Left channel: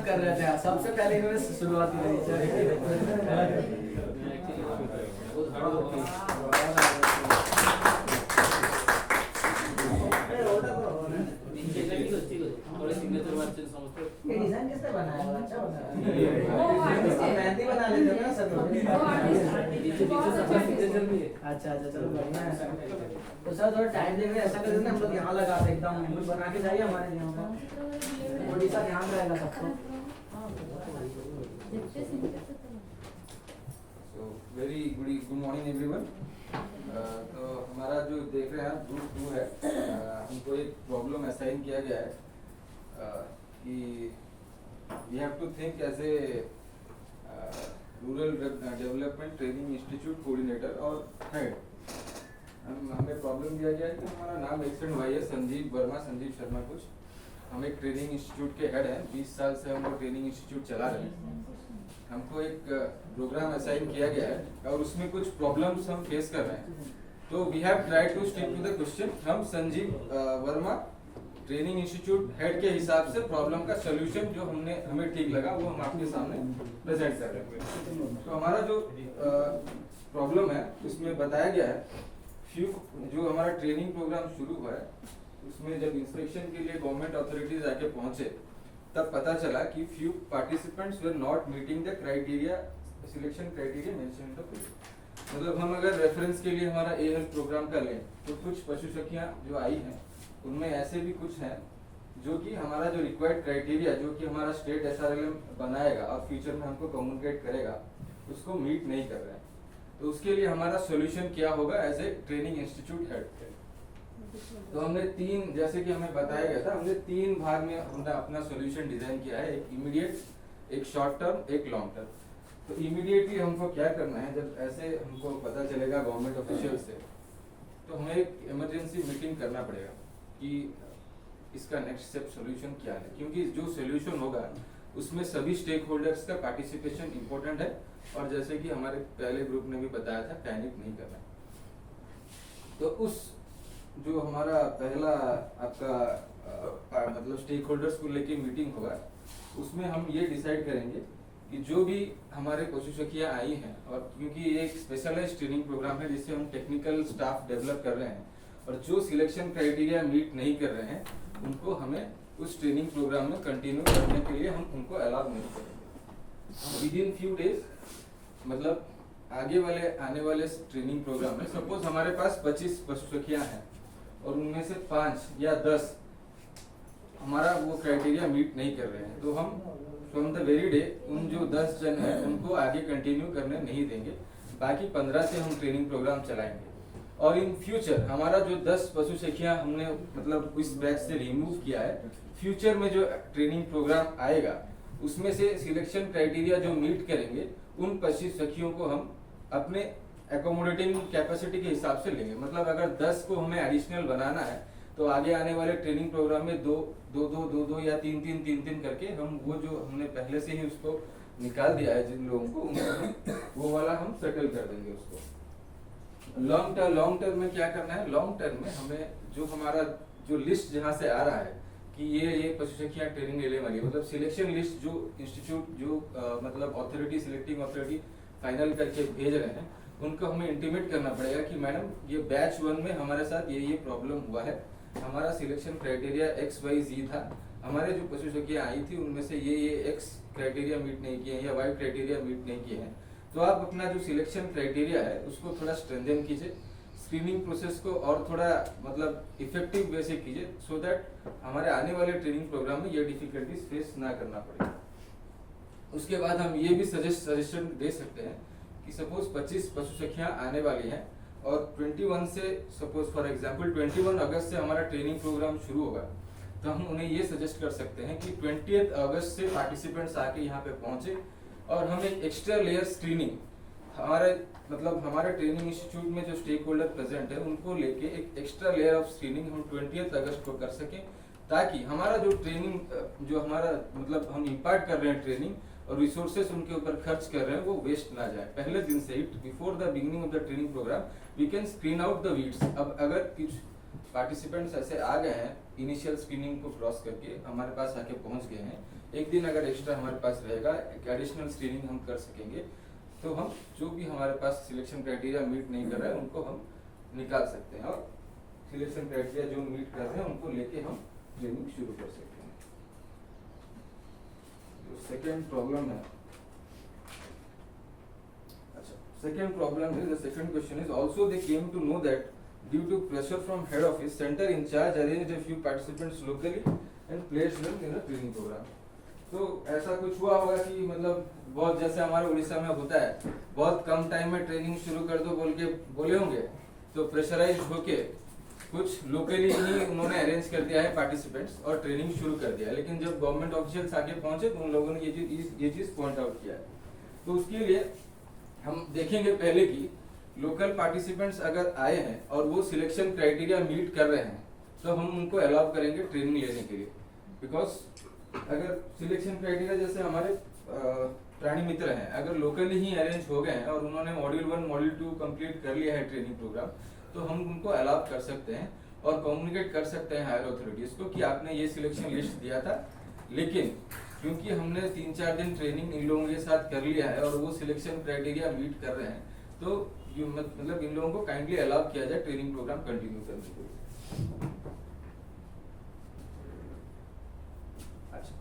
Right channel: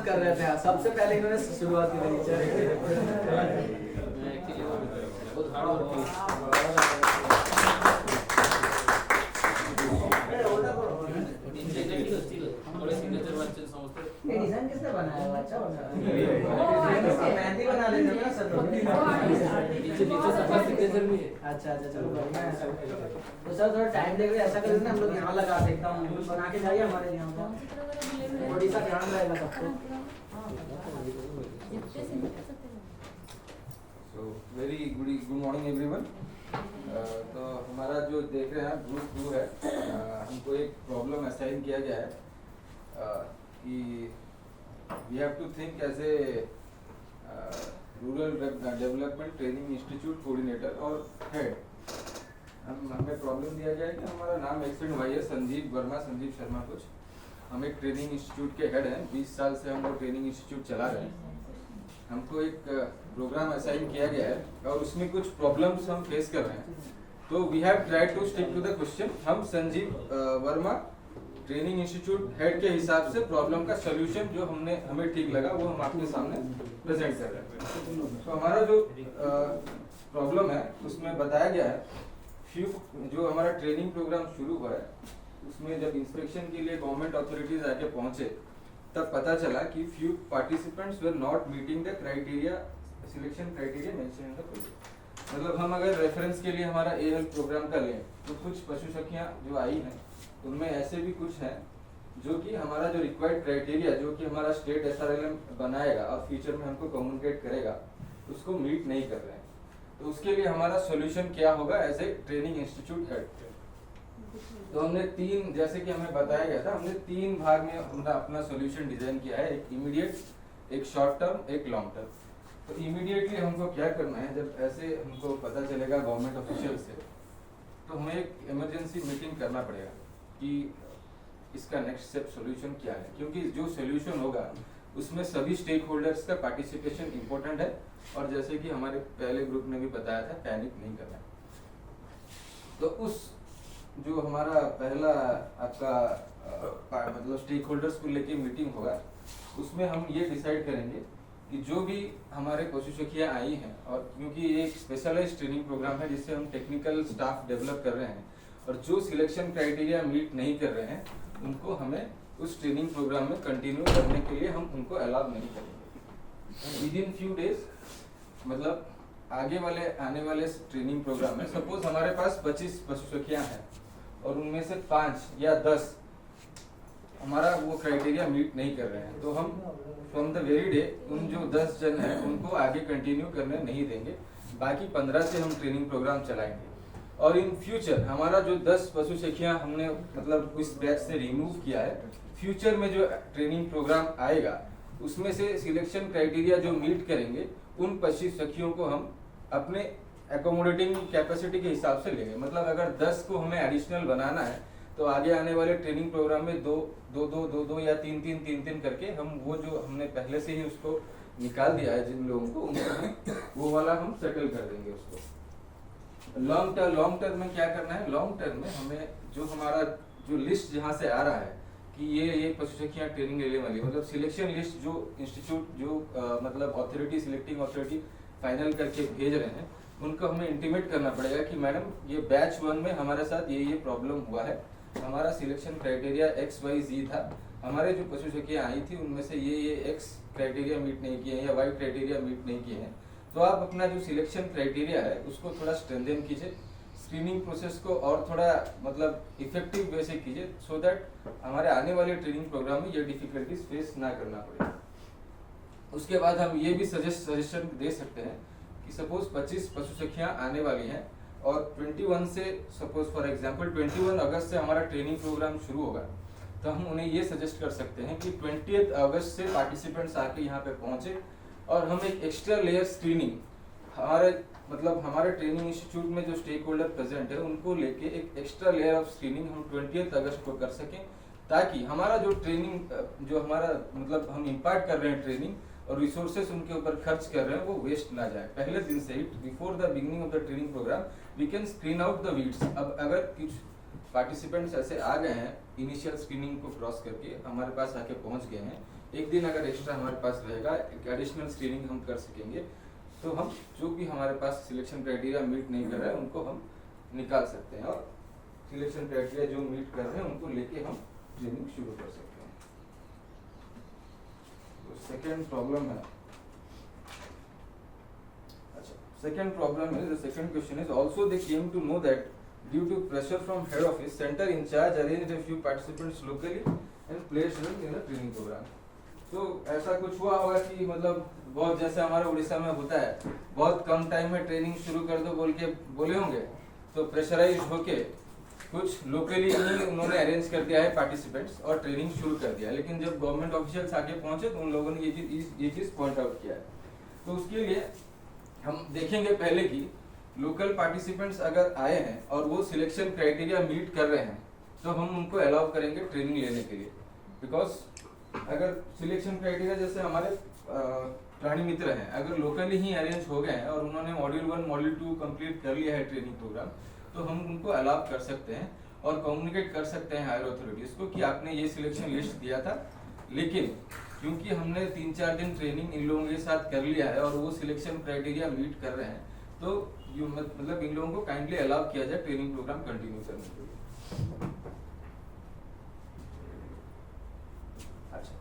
मेहनत कर रहे थे, सबसे पहले इन्होंने शुरुआत की थी। बहुत हार्ड वर्क थोड़े सिग्नेचर वाचे समझते ये डिजाइन किसने बनाया है? अच्छा बनाया। मेहंदी बना लेते हैं ना सर। पीछे सबका सिग्नेचर भी है। अच्छा चलो बढ़िया है। तो सर थोड़ा टाइम लेके ऐसा कर देना, हम लोग यहाँ लगा देता हूँ, हम लोग बना के जाइए हमारे यहाँ का, ओडिशा ध्यान रहेगा सबको। So very good morning everyone. तो हमारा जो देख रहे हैं ग्रुप 2 है, हमको एक प्रॉब्लम असाइन किया गया है कि we have to think as a rural development training institute coordinator और हेड। हमें प्रॉब्लम दिया गया है कि हमारा नाम एक्स एंड वाई है, संजीव वर्मा, संजीव शर्मा कुछ। हम एक ट्रेनिंग इंस्टीट्यूट के हेड हैं, 20 साल से हम वो ट्रेनिंग इंस्टीट्यूट चला रहे हैं। हमको एक प्रोग्राम असाइन किया गया है और उसमें कुछ प्रॉब्लम्स हम फेस कर रहे हैं। तो we have tried to stick to the question. हम Sanjeev Verma training institute head के हिसाब से प्रॉब्लम का सोल्यूशन जो हमें ठीक लगा वो हम आपके सामने प्रेजेंट कर रहे हैं। तो हमारा जो प्रॉब्लम है उसमें बताया गया है, जो हमारा ट्रेनिंग प्रोग्राम शुरू हुआ है उसमें जब इंस्पेक्शन के लिए गवर्नमेंट अथॉरिटीज आके पहुंचे तब पता चला कि few participants were not meeting the criteria, selection criteria mentioned in the project। मतलब हम अगर रेफरेंस के लिए हमारा AL प्रोग्राम का लें तो कुछ पशु सखियां जो आई हैं उनमें ऐसे भी कुछ हैं जो कि हमारा जो रिक्वायर्ड क्राइटेरिया जो कि हमारा स्टेट SRLM बनाएगा और फ्यूचर में हमको कम्युनिकेट करेगा उसको मीट नहीं कर रहे हैं। तो उसके लिए हमारा सोल्यूशन क्या होगा as a training institute head. तो हमने तीन, जैसे कि हमें बताया गया था, हमने 3 भाग में अपना सॉल्यूशन डिजाइन किया है, एक इमीडिएट, एक शॉर्ट टर्म, एक लॉन्ग टर्म। तो इमीडिएटली हमको क्या करना है, जब ऐसे हमको पता चलेगा गवर्नमेंट ऑफिशियल से तो हमें एक इमरजेंसी मीटिंग करना पड़ेगा कि इसका नेक्स्ट स्टेप सॉल्यूशन क्या है, क्योंकि जो सॉल्यूशन होगा उसमें सभी स्टेक होल्डर्स का पार्टिसिपेशन इंपॉर्टेंट है और जैसे कि हमारे पहले ग्रुप ने भी बताया था पैनिक नहीं करना है। तो उस जो हमारा पहला आपका मतलब स्टेक होल्डर्स को लेके मीटिंग होगा उसमें हम ये डिसाइड करेंगे कि जो भी हमारे पशु सखियां आई हैं, और क्योंकि ये एक स्पेशलाइज्ड ट्रेनिंग प्रोग्राम है जिससे हम टेक्निकल स्टाफ डेवलप कर रहे हैं और जो सिलेक्शन क्राइटेरिया मीट नहीं कर रहे हैं उनको हमें उस ट्रेनिंग प्रोग्राम में कंटिन्यू करने के लिए हम उनको अलाउ नहीं करेंगे। विद इन फ्यू डेज, मतलब आने वाले ट्रेनिंग प्रोग्राम में सपोज हमारे पास 25 पशु सखियां हैं और उनमें से 5 या 10 हमारा वो क्राइटेरिया मीट नहीं कर रहे हैं, तो हम फ्रॉम द वेरी डे उन जो 10 जन हैं उनको आगे कंटिन्यू करने नहीं देंगे। बाकी 15 से हम ट्रेनिंग प्रोग्राम चलाएंगे और इन फ्यूचर हमारा जो 10 पशु सखियां हमने मतलब इस बैच से रिमूव किया है, फ्यूचर में जो ट्रेनिंग प्रोग्राम आएगा उसमें से सिलेक्शन क्राइटेरिया जो मीट करेंगे उन पशु सखियों को हम अपने एकोमोडेटिंग कैपेसिटी के हिसाब से लेंगे। मतलब अगर 10 को हमें एडिशनल बनाना है तो आगे आने वाले ट्रेनिंग प्रोग्राम में दो या तीन करके हम वो जो हमने पहले से ही उसको निकाल दिया है जिन लोगों को, उनको वो वाला हम सेटल कर देंगे उसको। लॉन्ग टर्म में क्या करना है, लॉन्ग टर्म में हमें जो हमारा जो लिस्ट जहाँ से आ रहा है कि ये पशु सखियां ट्रेनिंग लेने वाली, मतलब सिलेक्शन लिस्ट जो इंस्टीट्यूट जो मतलब अथॉरिटी, सिलेक्टिंग अथॉरिटी फाइनल करके भेज रहे हैं उनको हमें इंटीमेट करना पड़ेगा कि मैडम ये बैच 1 में हमारे साथ ये प्रॉब्लम हुआ है, हमारा सिलेक्शन क्राइटेरिया XYZ था, हमारे जो पशु सखियां आई थी उनमें से ये X क्राइटेरिया मीट नहीं किए हैं या Y क्राइटेरिया मीट नहीं किए हैं। तो आप अपना जो सिलेक्शन क्राइटेरिया है उसको थोड़ा स्ट्रेंथन कीजिए, स्क्रीनिंग प्रोसेस को और थोड़ा मतलब इफेक्टिव वे से कीजिए, सो दैट हमारे आने वाले ट्रेनिंग प्रोग्राम में ये डिफिकल्टीज फेस ना करना पड़े। उसके बाद हम ये भी सजेशन दे सकते हैं कि सपोज 25 पशु सखियां आने वाली हैं और 21 से सपोज फॉर एग्जांपल 21 अगस्त से हमारा ट्रेनिंग प्रोग्राम शुरू होगा, तो हम उन्हें ये सजेस्ट कर सकते हैं कि 20 अगस्त से पार्टिसिपेंट्स आके यहाँ पे पहुंचे और हम एक एक्स्ट्रा लेयर स्क्रीनिंग हमारे ट्रेनिंग इंस्टीट्यूट में जो स्टेक होल्डर प्रेजेंट है उनको लेके एक एक्स्ट्रा लेयर ऑफ स्क्रीनिंग हम 20 अगस्त को कर सकें, ताकि हमारा जो ट्रेनिंग जो हमारा मतलब हम इम्पार्ट कर रहे हैं ट्रेनिंग और रिसोर्सेस उनके ऊपर खर्च कर रहे हैं वो वेस्ट ना जाए। पहले दिन से ही before the beginning of the training programme we can screen out the weeds. अब अगर कुछ पार्टिसिपेंट्स ऐसे आ गए हैं इनिशियल स्क्रीनिंग को क्रॉस करके हमारे पास आके पहुंच गए हैं एक दिन अगर एक्स्ट्रा हमारे पास रहेगा, एक एडिशनल स्क्रीनिंग हम कर सकेंगे, तो हम जो भी हमारे पास सिलेक्शन क्राइटेरिया मीट नहीं कर रहा है उनको हम निकाल सकते हैं, और सिलेक्शन क्राइटेरिया जो मीट कर रहे हैं उनको लेके हम ट्रेनिंग शुरू कर सकते हैं। तो सेकेंड प्रॉब्लम है, अच्छा सेकेंड प्रॉब्लम है, the second question is also they came to know that due to pressure from head office centre incharge arranged a few participants locally and placed them in a training program। तो ऐसा कुछ हुआ होगा कि मतलब बहुत जैसे हमारे उड़ीसा में होता है, बहुत कम टाइम में ट्रेनिंग शुरू कर दो बोल के बोले होंगे, तो प्रेशराइज होके कुछ लोकली ही उन्होंने अरेंज कर दिया है पार्टिसिपेंट्स और ट्रेनिंग शुरू कर दिया, लेकिन जब गवर्नमेंट ऑफिशियल्स आगे पहुंचे तो उन लोगों ने ये चीज पॉइंट आउट किया है। तो उसके लिए हम देखेंगे पहले कि लोकल पार्टिसिपेंट्स अगर आए हैं और वो सिलेक्शन क्राइटेरिया मीट कर रहे हैं तो हम उनको अलाउ करेंगे ट्रेनिंग लेने के लिए, बिकॉज अगर सिलेक्शन क्राइटेरिया जैसे हमारे प्राणी मित्र हैं, अगर लोकली ही अरेंज हो गए हैं और उन्होंने मॉड्यूल 1 मॉड्यूल 2 कंप्लीट कर लिया है ट्रेनिंग प्रोग्राम, तो हम उनको अलाउ कर सकते हैं और कम्युनिकेट कर सकते हैं हायर अथॉरिटीज को कि आपने ये सिलेक्शन लिस्ट दिया था, लेकिन क्योंकि हमने 3-4 दिन ट्रेनिंग इन लोगों के साथ कर लिया है और वो सिलेक्शन क्राइटेरिया मीट कर रहे हैं, तो मतलब इन लोगों को काइंडली अलाउ किया जाए ट्रेनिंग प्रोग्राम कंटिन्यू करने के लिए। अच्छा,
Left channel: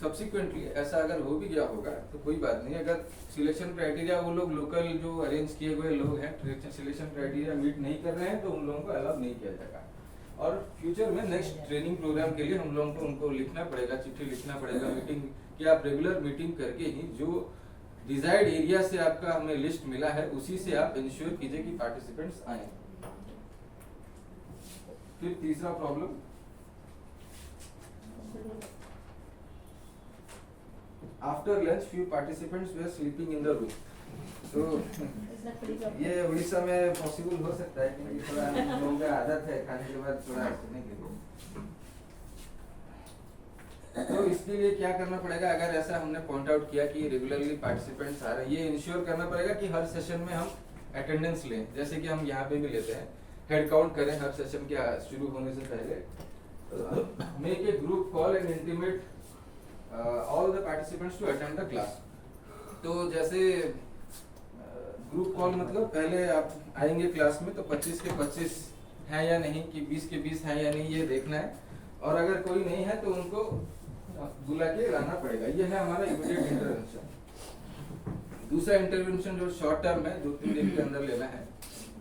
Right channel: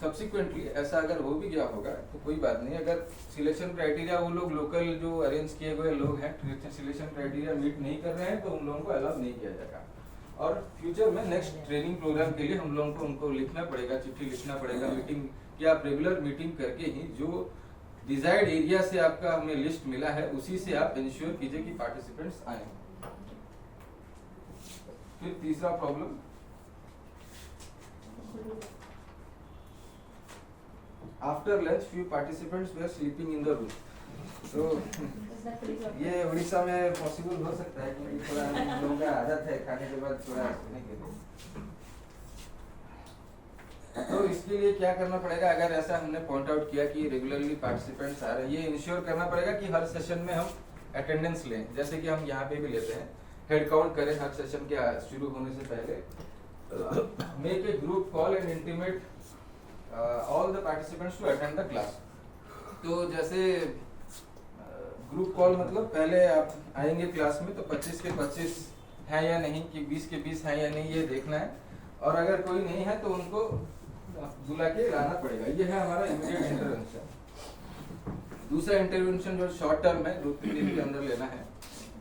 सब्सिक्वेंटली ऐसा अगर हो भी गया होगा तो कोई बात नहीं, अगर सिलेक्शन क्राइटेरिया वो लोग लोकल जो अरेंज किए हुए लोग हैं सिलेक्शन क्राइटेरिया मीट नहीं कर रहे हैं तो उन लोगों को अलाउ नहीं किया जाएगा। और फ्यूचर में नेक्स्ट ट्रेनिंग प्रोग्राम के लिए हम लोगों को उनको लिखना पड़ेगा, चिट्ठी लिखना पड़ेगा, मीटिंग कि आप रेगुलर मीटिंग करके ही जो डिजायर्ड एरिया से आपका हमें लिस्ट मिला है उसी से आप इंश्योर कीजिए कि पार्टिसिपेंट्स आए। फिर तीसरा problem, after lunch few participants were sleeping in the room. तो ये उड़ीसा में पॉसिबल हो सकता है क्योंकि थोड़ा हम लोगों का आदत है खाने के बाद थोड़ा सोने के लिए। तो इसके लिए क्या करना पड़ेगा, अगर ऐसा हमने पॉइंट आउट किया कि रेगुलरली पार्टिसिपेंट्स आ रहे हैं, ये इंश्योर करना पड़ेगा कि हर सेशन में हम अटेंडेंस लें, जैसे कि हम यहाँ पे भी लेते हैं, हेड काउंट करें हर सेशन के शुरू होने से पहले। Make a group call and intimate all the participants to attend the class. तो जैसे ग्रुप कॉल मतलब पहले आप आएंगे क्लास में तो 25 के 25 हैं या नहीं, कि 20 के 20 हैं या नहीं, ये देखना है, और अगर कोई नहीं है तो उनको बुला के लाना पड़ेगा। ये है हमारा इमीडिएट इंटरवेंशन। दूसरा इंटरवेंशन जो शॉर्ट टर्म है, 2-3 दिन के अंदर लेना है,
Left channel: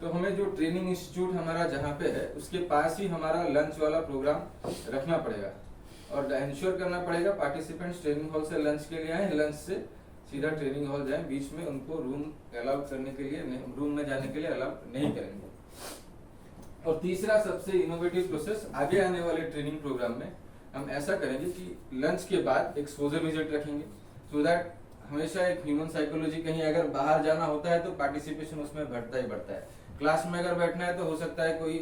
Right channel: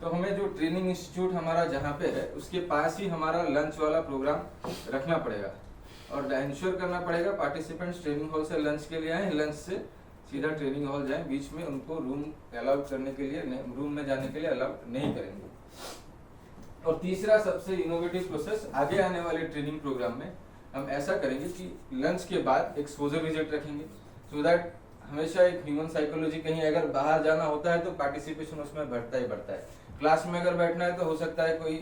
तो हमें जो ट्रेनिंग इंस्टीट्यूट हमारा जहाँ पे है उसके पास ही हमारा लंच वाला प्रोग्राम रखना पड़ेगा और इंश्योर करना पड़ेगा पार्टिसिपेंट्स ट्रेनिंग हॉल से लंच के लिए आए, लंच से सीधा ट्रेनिंग हॉल जाए, बीच में उनको रूम अलाउ करने के लिए रूम में जाने के लिए अलाउ नहीं करेंगे। और तीसरा सबसे इनोवेटिव प्रोसेस, आगे आने वाले ट्रेनिंग प्रोग्राम में हम ऐसा करेंगे कि लंच के बाद एक्सपोजर विजिट रखेंगे, सो दैट हमेशा एक ह्यूमन साइकोलॉजी, कहीं अगर बाहर जाना होता है तो पार्टिसिपेशन उसमें बढ़ता ही बढ़ता है। क्लास में अगर बैठना है तो हो सकता है कोई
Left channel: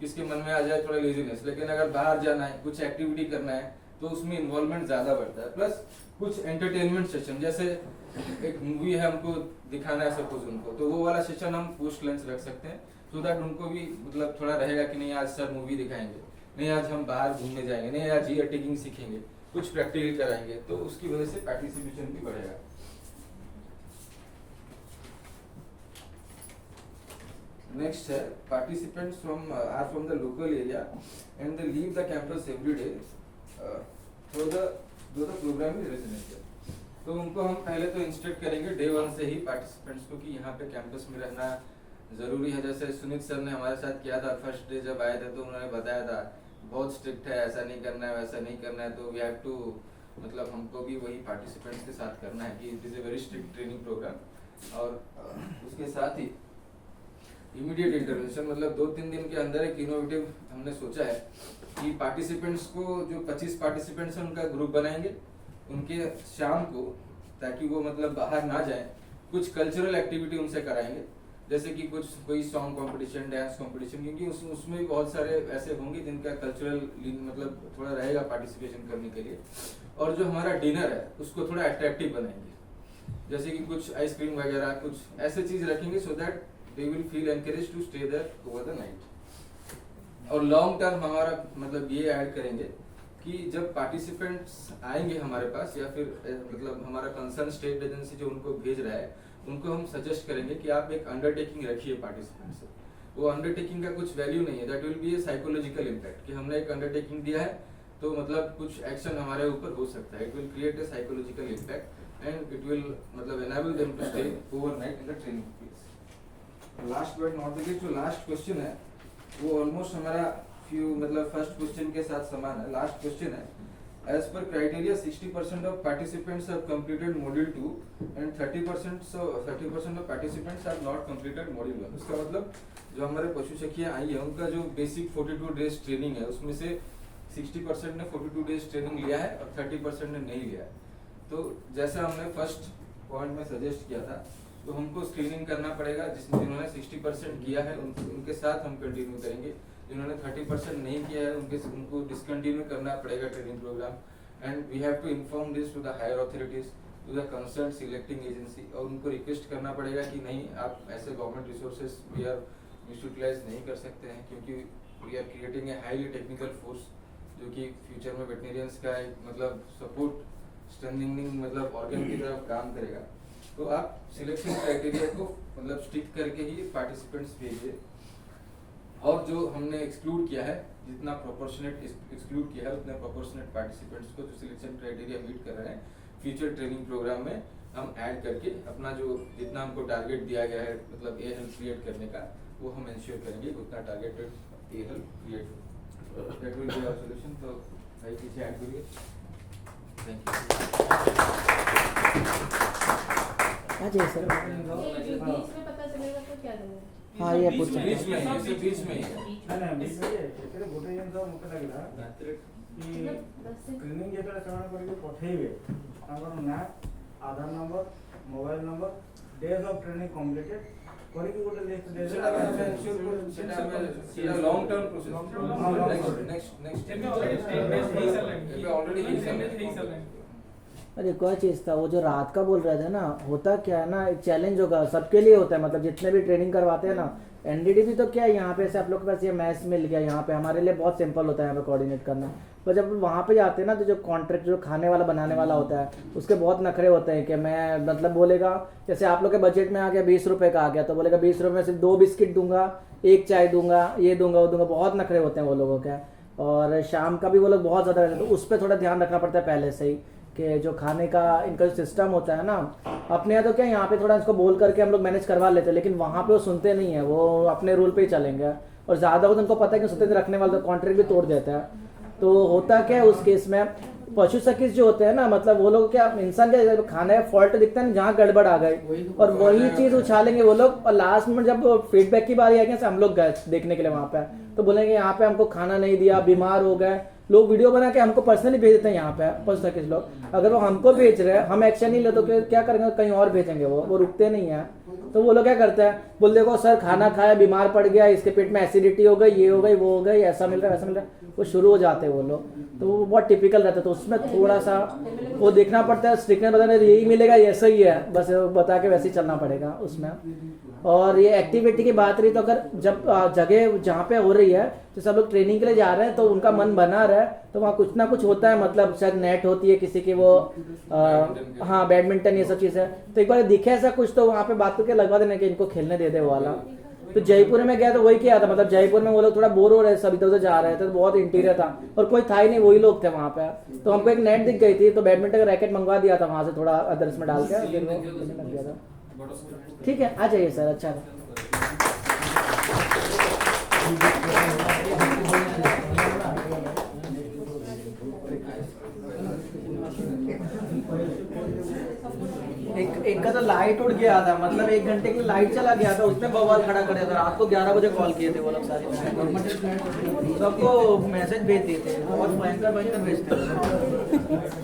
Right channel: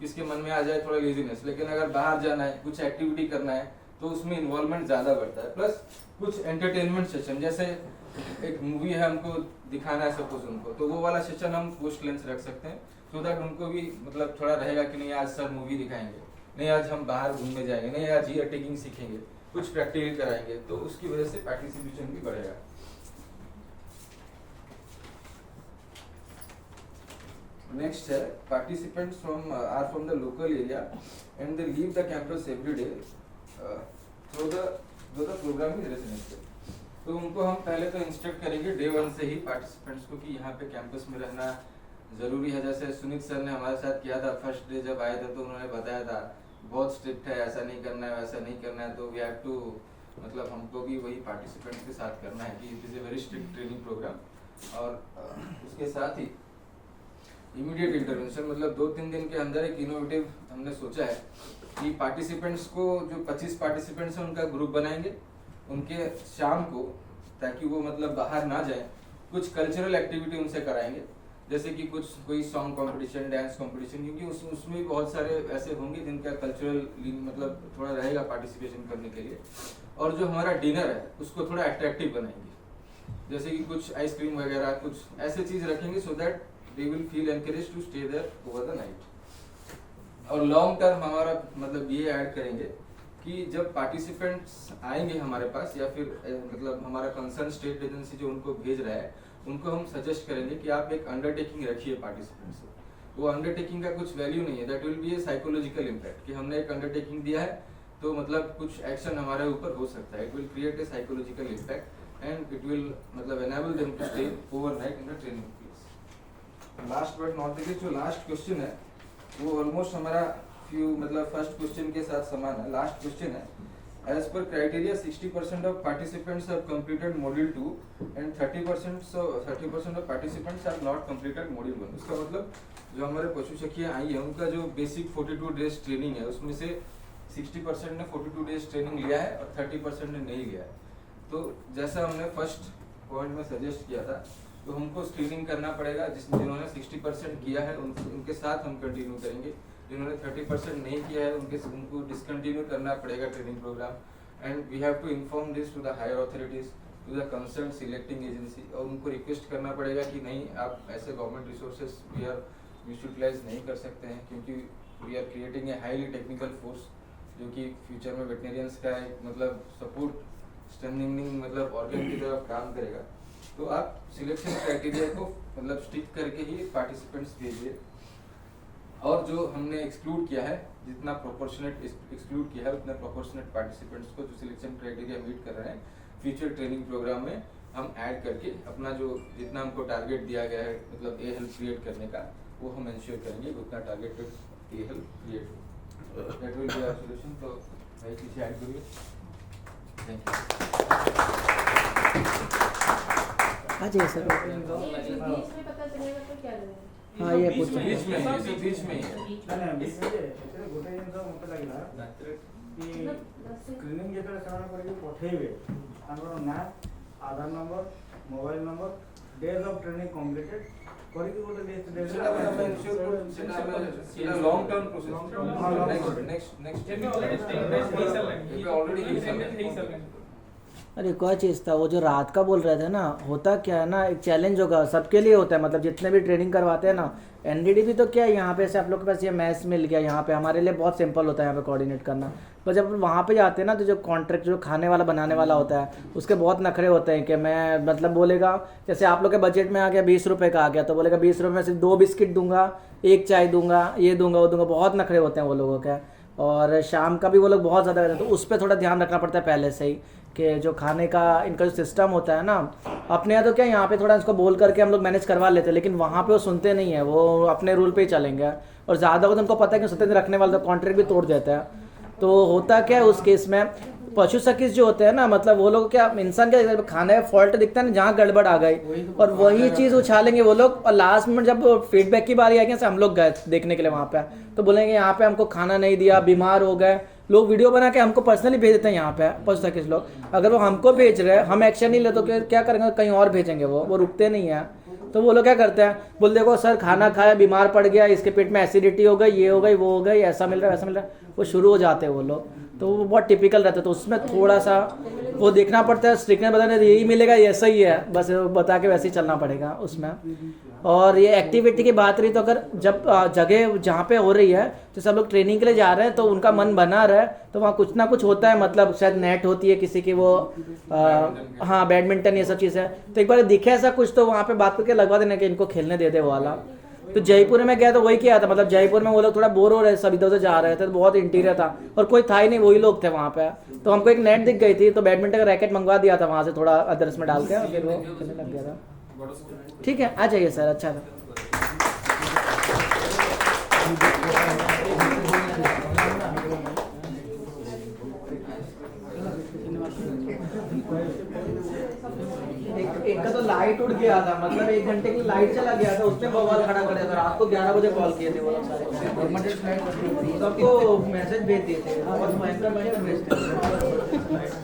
किसके मन में आ जाए थोड़ा लेजीनेस, लेकिन अगर बाहर जाना है, कुछ एक्टिविटी करना है तो उसमें इन्वॉल्वमेंट ज्यादा बढ़ता है। प्लस कुछ एंटरटेनमेंट सेशन, जैसे एक मूवी है हमको दिखाना है सपोज उनको, तो वो वाला सेशन हम पोस्ट लंच रख सकते हैं, सो दैट उनको भी मतलब थोड़ा रहेगा कि नहीं आज सर मूवी दिखाएंगे, नहीं आज हम बाहर घूमने जाएंगे, नहीं आज जियो टैगिंग सीखेंगे, कुछ प्रैक्टिकल कराएंगे, तो उसकी वजह से पार्टिसिपेशन भी बढ़ेगा। नेक्स्ट है participants are from the local area and they leave the campus every day through the programme is residential. तो उनको हम पहले तो इंस्ट्रक्ट करेंगे डे 1 से ही पार्टिसिपेंट्स को कि यहाँ पे कैंपस में रहना जरूरी है। जैसे सुनीत सर ने हमारे साथ किया था, फर्स्ट डे जब आए थे तो उन्होंने बताया था बहुत स्ट्रिक्ट है, ऐसा नहीं करना है, वैसा नहीं करना है, तो वी हैव टू मतलब हमको भी वही पार्टिसिपेंट्स के साथ करना है कि it is a very strict training programme. और उसके साथ ही इमीडिएट इंटरवेंशन, मतलब 2-3 दिन के अंदर एक इनोवेटिव हमने सोचा है कि पार्टिसिपेंट्स को, जो 25 पार्टिसिपेंट्स हैं उनका ग्रुप बनाएंगे, उनके शाम को, ताकि वो मतलब बाहर ना जाए, कुछ कल्चरल एक्टिविटी उनसे कराएंगे, जैसे कि कोई सॉन्ग कंपटीशन, डांस कंपटीशन, क्योंकि उसमें भी बहुत सारे ऐसे होंगे जिनका कल्चरल मतलब थोड़ा रहेगा पार्टिसिपेशन करने के लिए। और जो हमारा डिनर है उसको थोड़ा अट्रैक्टिव बनाएंगे, जैसे कि कुछ आइसक्रीम वगैरह, कुछ ऐसे चीज रखेंगे so that they will feel encourage to stay there over the night. और लॉन्ग टर्म हमारा मतलब ये ऐड करेंगे कि जब पार्टिसिपेंट्स आएंगे हमारे पास या फिर मतलब हमारा कंसर्न स्टेट एजेंसी जो उनको भेज रहा है, उनको हम सजेस्ट करेंगे कि आप एक अंडरटेकिंग रखिए पार्टिसिपेंट से। वो अंडरटेकिंग का कुछ वैल्यू नहीं है, that will B A psychological impact कि हमने एक अंडरटेकिंग दिया है तो मतलब कुछ एक्शन हमारे ऊपर हो सकता है। It will create a psychological impact and it will मतलब enable them to stay overnight in the training phase. Last but not the least, जो लास्ट क्वेश्चन है वो ऑलमोस्ट हमारा मतलब फर्स्ट क्वेश्चन के साथ समान है। लास्ट क्वेश्चन है, as per criteria 60% of participants have completed module 2 and 30% of participants have not completed module 1। इसका मतलब जो हमारे पशु सखियां आई है उनका जो बेसिक 42 डेज ट्रेनिंग है उसमें से 60% ने 42 डेज ट्रेनिंग लिया है और 30% ने नहीं लिया है। तो जैसा हमने फर्स्ट पॉइंट में सजेस्ट किया था, तो हमको स्क्रीनिंग करना पड़ेगा। जिन्होंने 60% किया है उनके साथ हम कंटिन्यू करेंगे, जिन्होंने 30% नहीं किया है उनको डिसकंटिन्यू करना पड़ेगा training programme. And we have to inform this to the higher authorities, to the concern selecting agency, और उनको रिक्वेस्ट करना पड़ेगा कि नहीं, आप ऐसे government resources we are misutilize नहीं कर सकते हैं, क्योंकि we are creating a highly technical force जो कि फ्यूचर में वेटनेरियंस का एक मतलब सपोर्ट स्ट्रेंथनिंग मतलब ऑर्गन की तरफ काम करेगा। तो आप सिलेक्शन क्राइटेरिया को मतलब स्टिक करके ही पार्टिसिपेंट्स भेजिए। और जो हमने एक्सक्लूड किया है, जितना प्रोपोर्शनेट एक्सक्लूड किया है उतने प्रोपोर्शनेट पार्टिसिपेंट्स को जो सिलेक्शन क्राइटेरिया मीट कर रहे हैं, फ्यूचर ट्रेनिंग प्रोग्राम में हम ऐड करके अपना जो जितना हमको टारगेट दिया गया है मतलब ए हेल्थ क्रिएट करने का, वो हम इंश्योर करेंगे उतना टारगेटेड ए हेल्थ क्रिएट हो। That will be our solution. तो भाई पीछे ऐड करिए। थैंक हाँ जी सर। बीच में पता चलेगा तो क्या देंगे? हाँ ये बीच पूछ में ही बीच में ही गोटे जिन मत लगे कि स्क्रीनिंग जो से पठेबे ना Aadhaar number, mobile number, days of training completed करके गोटे लिस्ट दे दे। Long term process next already. अरे कोई चीज़ था वो जो रात का बोल रहे थे ना, होता क्या है ना, एक चैलेंज होगा सबके लिए होता है, मतलब जितने भी ट्रेनिंग करवाते हैं ना। एनडीडीबी तो क्या है, यहाँ पे ऐसे आप लोग के पास ये मैच मिल गया, यहाँ पे हमारे लिए बहुत सिंपल होता है यहाँ पे कोऑर्डिनेट करना। पर जब वहाँ पे जाते हैं ना, तो जो कॉन्ट्रैक्ट जो खाने वाला बनाने वाला होता है उसके बहुत नखरे होते हैं कि मैं मतलब बोलेगा, जैसे आप लोग के बजट में आ गया 20 रुपये का आ गया, तो बोलेगा 20 रुपये में सिर्फ 2 बिस्किट दूंगा, 1 चाय दूंगा, ये दूंगा वो दूंगा। बहुत नखरे होते हैं वो लोगों के। और शाम का भी वो लोग बहुत ज़्यादा रहते हैं, तो उस पर थोड़ा ध्यान रखना पड़ता है पहले से ही कि जो खाने का इनका जो सिस्टम होता है ना, अपने यहाँ तो क्या यहाँ पे थोड़ा इसको बोल करके हम लोग मैनेज करवा लेते हैं, लेकिन वहाँ पे वो सुनते नहीं है, वो अपने रूल पे ही चलेंगे। और ज़्यादा हो तो उनको पता है कि सत्य रखने वाले तो कॉन्ट्रैक्ट भी तोड़ देता है। तो होता क्या है उस केस में, पशु चिकित्सक जो होते हैं ना, मतलब वो लोग क्या इंसान के खाने का फॉल्ट दिखता है ना, जहाँ गड़बड़ आ गई और वही चीज़ उछालेंगे वो लोग। और लास्ट में जब फीडबैक की बारी आएगी, हम लोग गए देखने के लिए वहाँ पे, तो बोलेंगे यहाँ पे हमको खाना नहीं दिया, बीमार हो गए। लोग वीडियो बना के हमको पर्सनली भेज देते हैं यहाँ पे पशु चिकित्सक लोग। अगर वो हमको भेज रहे हैं, हम एक्शन नहीं ले तो क्या करेंगे, कहीं और भेजेंगे। वो रुकते नहीं है। तो वो लोग क्या करते हैं, बोल देखो सर खाना खाया, बीमार पड़ गया, इसके पेट में एसिडिटी हो गई, ये हो गई, वो हो गई, ऐसा मिल रहा है, वैसा मिल रहा है, वो शुरू हो जाते हैं वो लोग। तो वो बहुत टिपिकल रहता है। तो उसमें थोड़ा सा वो देखना पड़ता है, स्ट्रिक्टनेस बताने यही मिलेगा, ऐसा ही है, बस बता के वैसे ही चलना पड़ेगा उसमें। और ये एक्टिविटी की बात रही, तो अगर जब जगह जहाँ पे हो रही है, तो सब लोग ट्रेनिंग के लिए जा रहे हैं, तो उनका मन बना रहा है, तो वहाँ कुछ ना कुछ होता है, मतलब शायद नेट होती है किसी की, वो हाँ बैडमिंटन ये सब चीज़ है। तो एक बार दिखे ऐसा कुछ, तो वहाँ पे बात करके लगवा देना कि इनको खेलने दे दे वो वाला। तो जयपुर में गया तो वही किया था, मतलब जयपुर में वो लोग थोड़ा बोर हो रहे, सब इधर उधर जा रहे थे, तो बहुत इंटीरियर था और कोई था ही नहीं, वही लोग थे वहाँ पे। तो हमको एक नेट दिख गई थी, तो बैडमिंटन का रैकेट मंगवा दिया था वहाँ से, थोड़ा अदरस में डाल के। ठीक है, आ जाइए सर। अच्छा एक का तो लाइट उड़ गया था, मतलब 1 घंटे की लाइट चला गया था, उसने बवाल खड़ा कर दिया था। रात को 11 बजे कॉल किए थे वो लोग सारे, सबको मैसेज भेज दिए थे, बहुत भयंकर भेजते हैं।